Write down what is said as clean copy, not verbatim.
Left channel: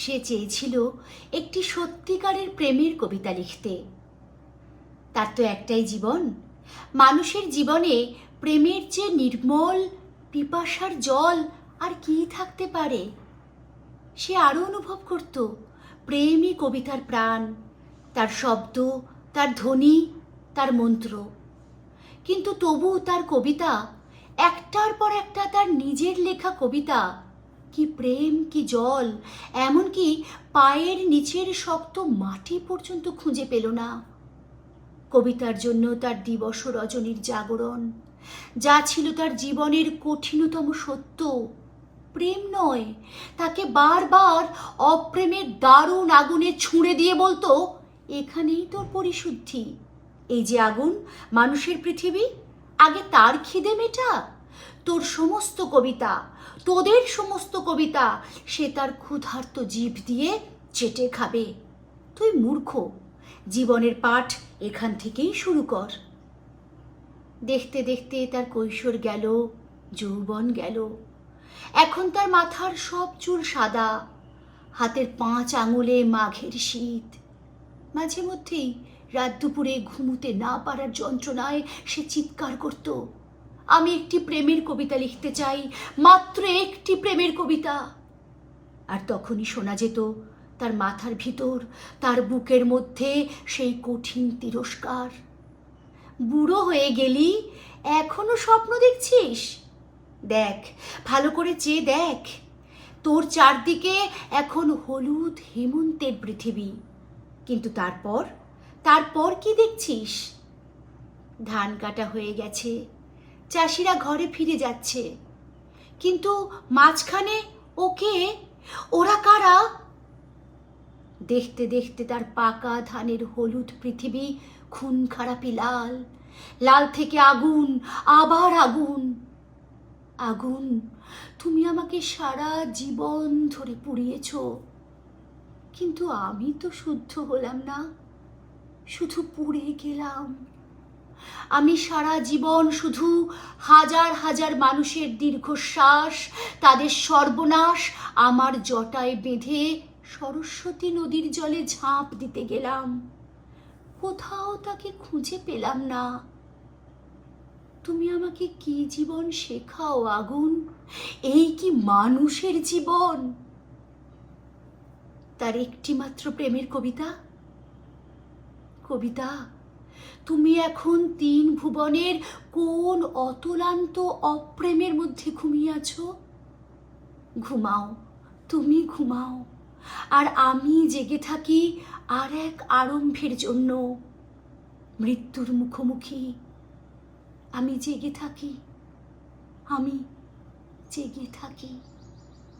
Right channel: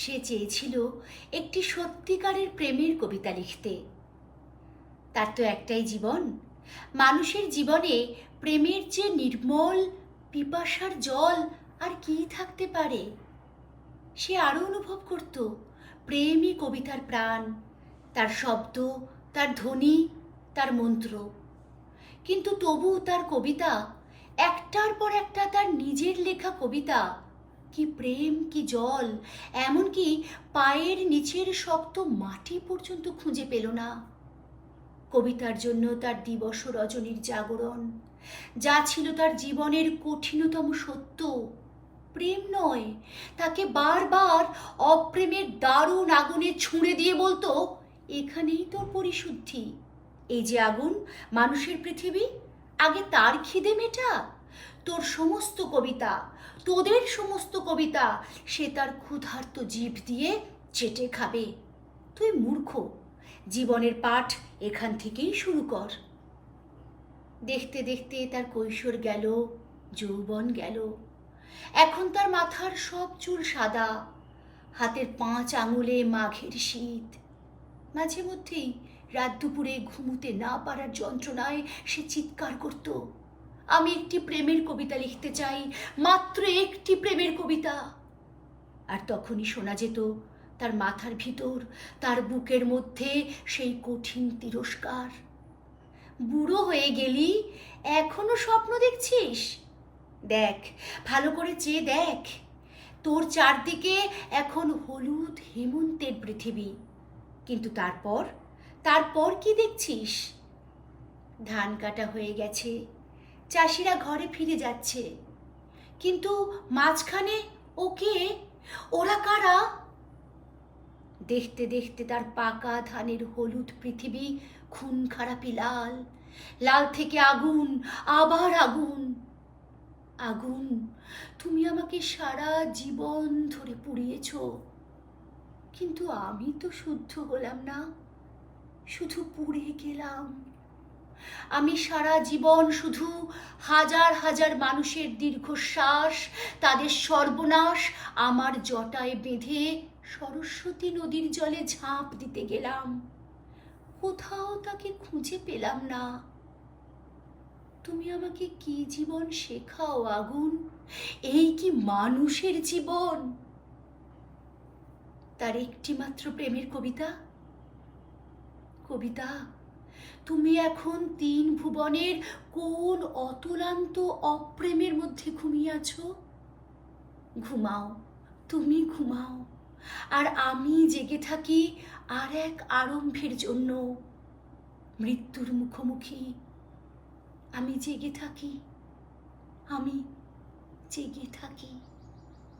সে চেয়েছিল একটি সত্যিকারের প্রেমের কবিতা লিখতে। তার তো একটাই জীবন, মানুষের জীবনে প্রেমের চেয়ে নির্মল পিপাসার জল আর কি থাকতে পারে। সে আরও অনুভব করত প্রেমই কবিতার প্রাণ, তার শব্দ, তার ধ্বনি, তার মন্ত্র। কিন্তু তবু তার কবিতা, একটার পর একটা তার নিজের লেখা কবিতা, কি প্রেম, কি জল, এমনকি পায়ের নিচের শক্ত মাটি পর্যন্ত খুঁজে পেল না। কবিতার জন্য তার দিবস রজনীর জাগরণ, যা ছিল তার জীবনের কঠিনতম সত্য, প্রেম নয়, তাকে বারবার অপ্রেমের দারুণ আগুনে ছুঁড়ে দিয়ে বলতো, এখানেই তোর পরিশুদ্ধি। এই যে আগুন, মানুষের পৃথিবী, আগে তার খিদে মেটা। তোর সমস্ত কবিতা, তোদের সমস্ত কবিতা সে তার ক্ষুধার্ত জিভ দিয়ে চেটে খাবে। তুই মূর্খ, জীবনের পাঠ এখান থেকেই শুরু কর। দেখতে দেখতে তার কৈশোর গেল, যৌবন গেল। এখন তার মাথার সব চুল সাদা, হাতের 5 আঙুলে মাঘের শীত। মাঝে মধ্যেই রাত দুপুরে ঘুমুতে না পারার যন্ত্রণায় সে চিৎকার করত, আমি একটি প্রেমের কবিতা লিখতে চাই, মাত্র একটি প্রেমের কবিতা। আর তখনই শোনা যেত তার মাথার ভিতর, তার বুকের মধ্যে সেই কঠিন তিরস্কার, বুড়ো হয়ে গেলি, এখনো স্বপ্ন দেখছিস? দেখ, ভালো করে চেয়ে দেখ, তোর চারদিকে এখন হলুদ হেমন্তের পৃথিবী। কিন্তু তারপর কি দেখছিস? ধান কাটা হয়ে গেছে, চাষিরা ঘরে ফিরে যাচ্ছে, কিন্তু মাঝখানে ওরা কারা? দেখতে দেখতে তার পাকা ধানের হলুদ পৃথিবী খুন খারাপি লাল, লাল থেকে আগুন, আবার আগুন। আগুন, তুমি আমাকে সারা জীবন ধরে পুড়িয়েছ, কিন্তু আমি তো শুদ্ধ হলাম না, শুধু পুড়ে গেলাম। আমি সারা জীবন শুধু হাজার হাজার মানুষের দীর্ঘশ্বাস, তাদের সর্বনাশ আমার জটায় বেঁধে সরস্বতী নদীর জলে ঝাঁপ দিতে গেলাম। কোথাও তাকে খুঁজে পেলাম না। তুমি আমাকে কি জীবন শেখাও আগুন? এই কি মানুষের জীবন? তার একটি মাত্র প্রেমের কবিতা। কবিতা, তুমি এখন 3 ভুবনের কোন অতুলান্ত অপ্রেমের মধ্যে ঘুমিয়ে আছো? ঘুমাও, তুমি ঘুমাও, আর আমি জেগে থাকি আর এক আরম্ভের জন্য। মৃত্যুর মুখোমুখি আমি জেগে থাকি।